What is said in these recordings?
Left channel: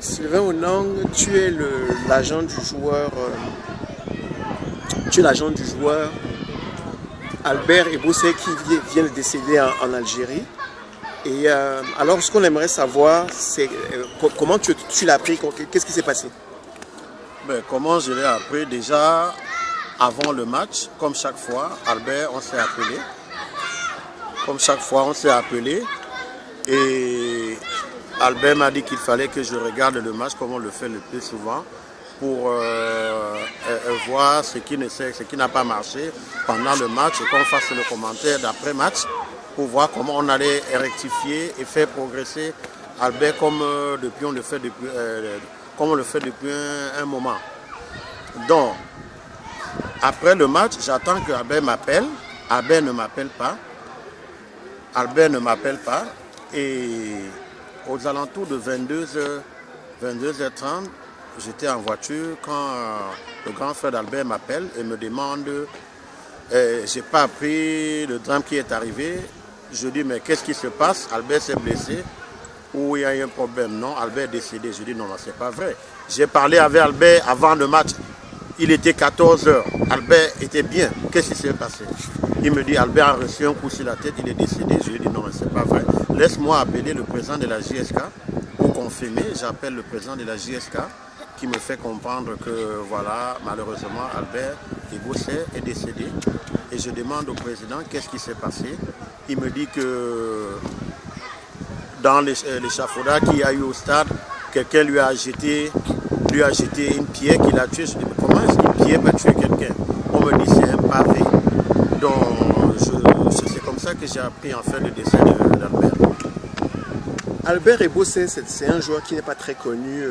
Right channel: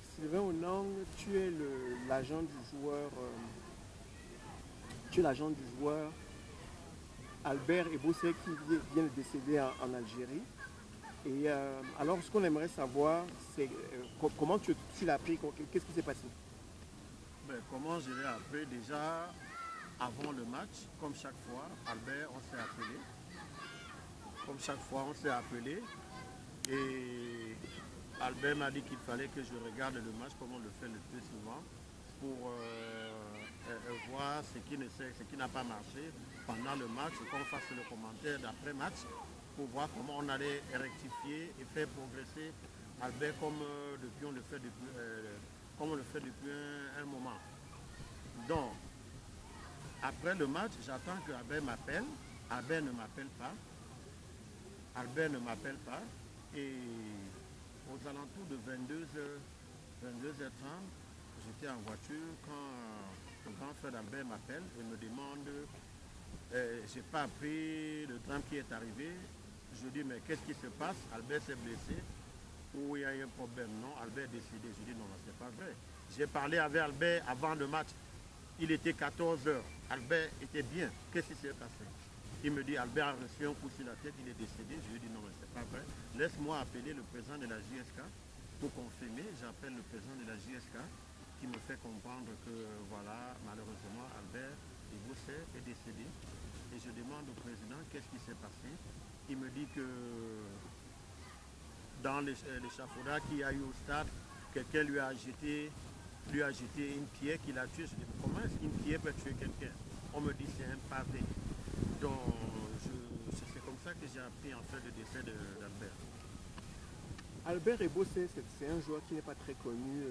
Sylvain Onang, tu es l'agent du joueur. Tu es l'agent du joueur Albert Ebossé qui vient de décéder en Algérie. Et alors, ce qu'on aimerait savoir, c'est comment tu l'as appris, qu'est-ce qui s'est passé? Ben, comment je l'ai appris? Déjà, avant le match, comme chaque fois, Albert, on s'est appelé. Comme chaque fois, on s'est appelé. Et Albert m'a dit qu'il fallait que je regarde le match, comme on le fait le plus souvent, pour voir ce qui n'a pas marché pendant le match et qu'on fasse le commentaire d'après-match pour voir comment on allait rectifier et faire progresser Albert comme on le fait depuis un moment. Donc, après le match, j'attends que Albert m'appelle. Albert ne m'appelle pas. Et aux alentours de 22h30, j'étais en voiture quand le grand frère d'Albert m'appelle et me demande j'ai pas appris le drame qui est arrivé. Je dis mais qu'est-ce qui se passe? Albert s'est blessé ou il y a eu un problème? Non, Albert est décédé. Je dis non, c'est pas vrai. J'ai parlé avec Albert avant le match. Il était 14h. Albert était bien. Qu'est-ce qui s'est passé? Il me dit Albert a reçu un coup sur la tête, il est décédé. Je lui dis non, mais c'est pas vrai. Laisse-moi appeler le président de la JSK pour confirmer. J'appelle le président de la JSK qui me fait comprendre que voilà, malheureusement, Albert Ebossé est décédé. Et je demande au président qu'est-ce qui s'est passé. Il me dit que dans l'échafaudage qu'il y a eu au stade, quelqu'un lui a jeté une pierre qui l'a tué. Je dis mais comment est-ce qu'une pierre peut tuer quelqu'un? On me dit c'est un pavé. Donc c'est comme ça que j'ai appris en fait le décès d'Albert. Albert Ebossé, c'est un joueur qui n'est pas très connu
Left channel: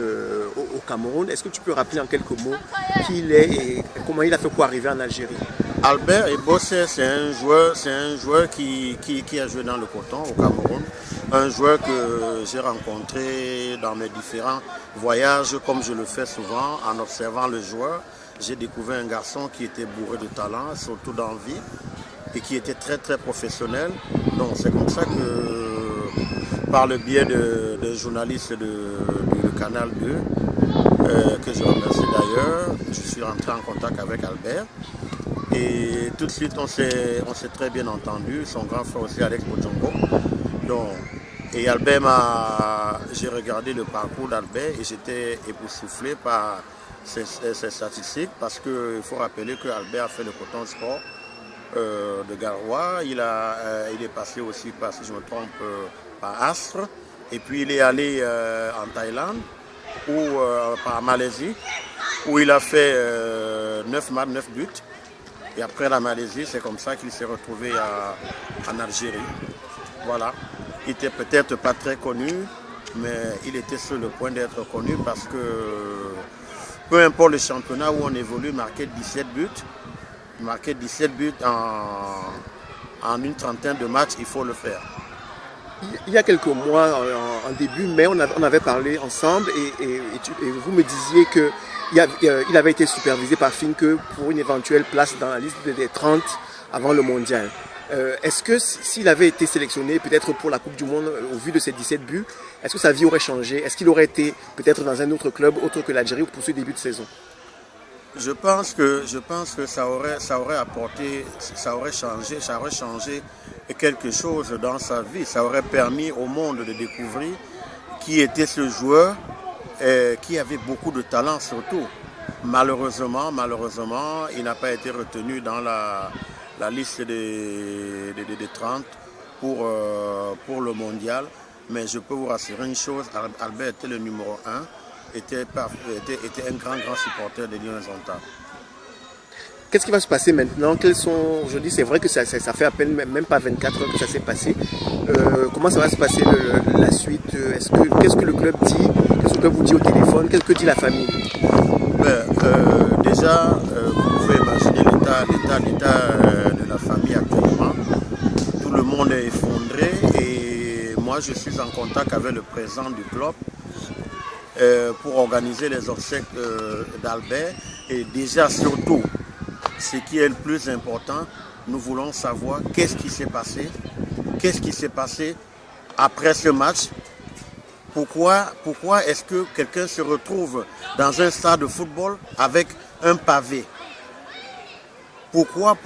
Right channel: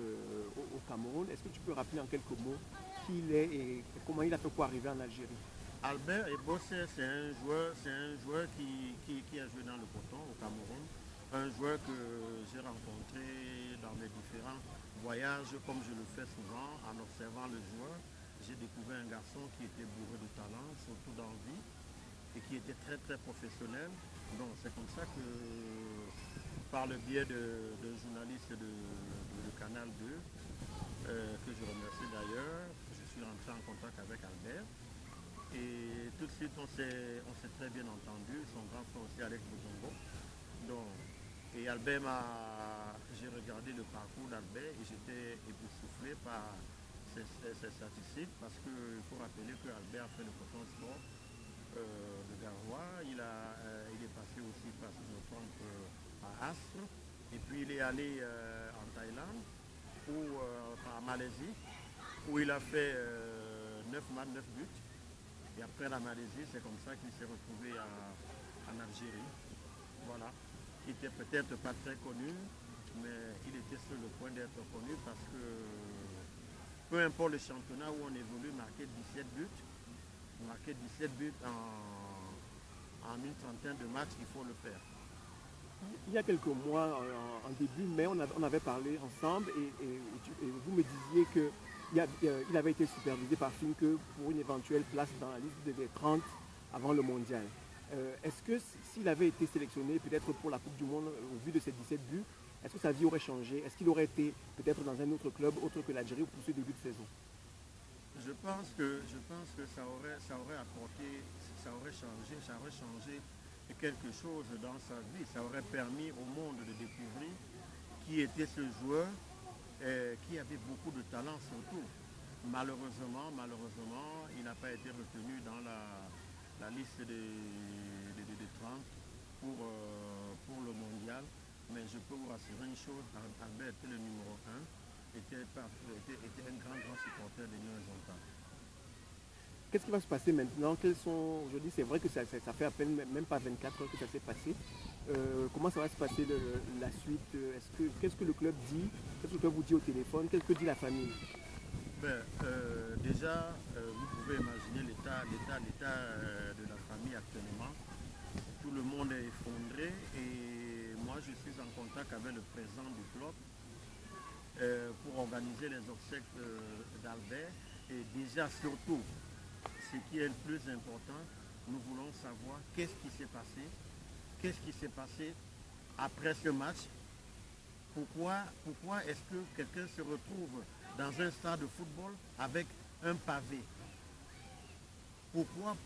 au Cameroun. Est-ce que tu peux rappeler en quelques mots qui il est et comment il a fait pour arriver en Algérie? Albert Ebossé, c'est un joueur qui a joué dans le coton au Cameroun. Un joueur que j'ai rencontré dans mes différents voyages, comme je le fais souvent, en observant le joueur. J'ai découvert un garçon qui était bourré de talent, surtout d'envie, et qui était très très professionnel. Donc c'est comme ça que, par le biais de journalistes du Canal 2, que je remercie d'ailleurs, je suis rentré en contact avec Albert. Et tout de suite, on s'est très bien entendu. Son grand frère aussi, Alex Bojongo. Donc, et Albert j'ai regardé le parcours d'Albert et j'étais époustouflé par ses statistiques parce qu'il faut rappeler que Albert a fait le coton sport de Garoua. Il est passé aussi par, si je me trompe, par Astre. Et puis il est allé en Thaïlande ou par Malaisie où il a fait 9 matchs, 9 buts. Et après la Malaisie, c'est comme ça qu'il s'est retrouvé en Algérie. Voilà. Il n'était peut-être pas très connu, mais il était sur le point d'être connu parce que peu importe le championnat où on évolue, marquer 17 buts en une trentaine de matchs, il faut le faire. Il y a quelques mois, en début mai, on avait parlé ensemble et vous me disiez qu'il avait été supervisé par Finke pour une éventuelle place dans la liste des 30 avant le mondial. Est-ce que s'il avait été sélectionné peut-être pour la Coupe du Monde au vu de ses 17 buts, est-ce que sa vie aurait changé? Est-ce qu'il aurait été peut-être dans un autre club autre que l'Algérie pour ce début de saison? Je pense que ça aurait apporté, ça aurait changé quelque chose dans sa vie. Ça aurait permis au monde de découvrir qui était ce joueur, qui avait beaucoup de talent surtout. Malheureusement, il n'a pas été retenu dans la liste des 30 pour le mondial. Mais je peux vous rassurer une chose, Albert était le numéro 1, était un grand supporter des Lions Ontario. Qu'est-ce qui va se passer maintenant? Aujourd'hui, c'est vrai que ça fait à peine même pas 24 heures que ça s'est passé. Comment ça va se passer la suite? Qu'est-ce que le club dit? Qu'est-ce que le club vous dit au téléphone? Qu'est-ce que dit la famille? Déjà, vous pouvez imaginer l'état de la famille actuellement. Tout le monde est effondré et moi je suis en contact avec le président du club pour organiser les obsèques d'Albert. Et déjà surtout, ce qui est le plus important, nous voulons savoir qu'est-ce qui s'est passé après ce match, Pourquoi est-ce que quelqu'un se retrouve dans un stade de football avec un pavé? Pourquoi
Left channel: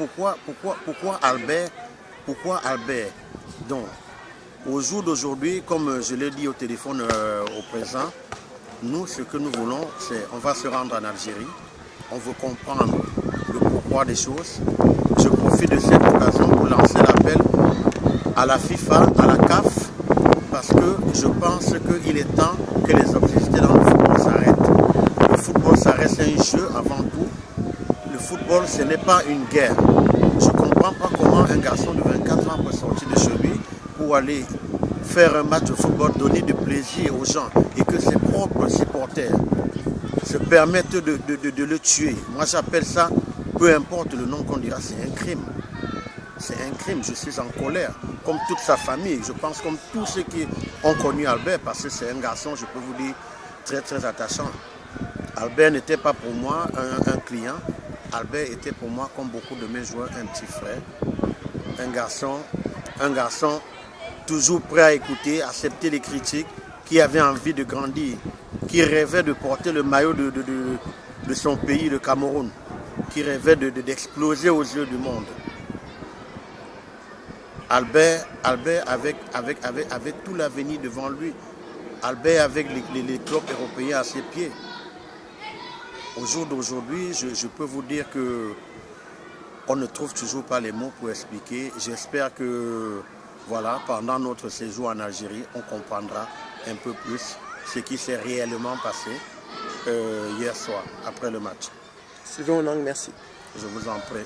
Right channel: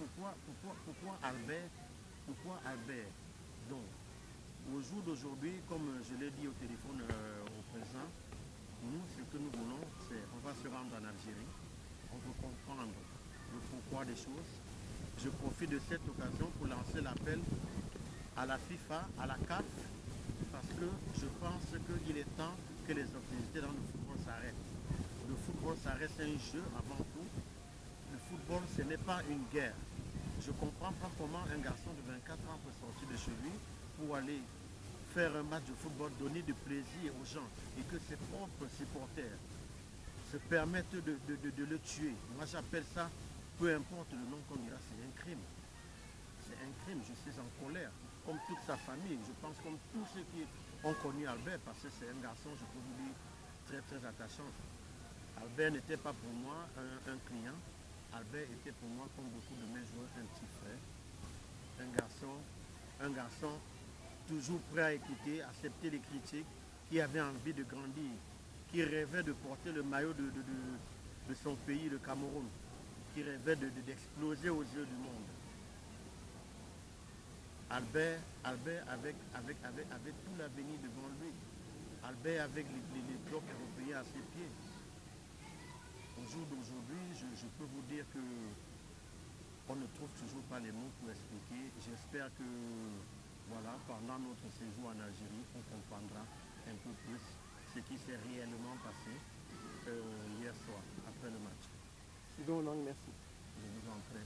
Albert? Pourquoi Albert? Donc, au jour d'aujourd'hui, comme je l'ai dit au téléphone au présent, nous, ce que nous voulons, c'est on va se rendre en Algérie. On veut comprendre le pourquoi des choses. Je profite de cette occasion pour lancer l'appel à la FIFA, à la CAF, parce que je pense qu'il est temps que les activités dans le football s'arrêtent. Le football, ça reste un jeu avant tout. Le football, ce n'est pas une guerre. Je ne comprends pas comment un garçon de 24 ans peut sortir de chez lui pour aller faire un match de football, donner du plaisir aux gens et que ses propres supporters se permettent de le tuer. Moi, j'appelle ça, peu importe le nom qu'on dira, c'est un crime. C'est un crime, je suis en colère, comme toute sa famille. Je pense comme tous ceux qui ont connu Albert, parce que c'est un garçon, je peux vous dire, très très attachant. Albert n'était pas pour moi un client. Albert était pour moi, comme beaucoup de mes joueurs, un petit frère. Un garçon toujours prêt à écouter, accepter les critiques, qui avait envie de grandir, qui rêvait de porter le maillot de son pays, le Cameroun, qui rêvait d'exploser aux yeux du monde. Albert avait tout l'avenir devant lui. Albert avec les clubs européens à ses pieds. Au jour d'aujourd'hui, je peux vous dire que on ne trouve toujours pas les mots pour expliquer. J'espère que voilà, pendant notre séjour en Algérie, on comprendra un peu plus ce qui s'est réellement passé hier soir, après le match. Sylvain Onang, merci. Je vous en prie.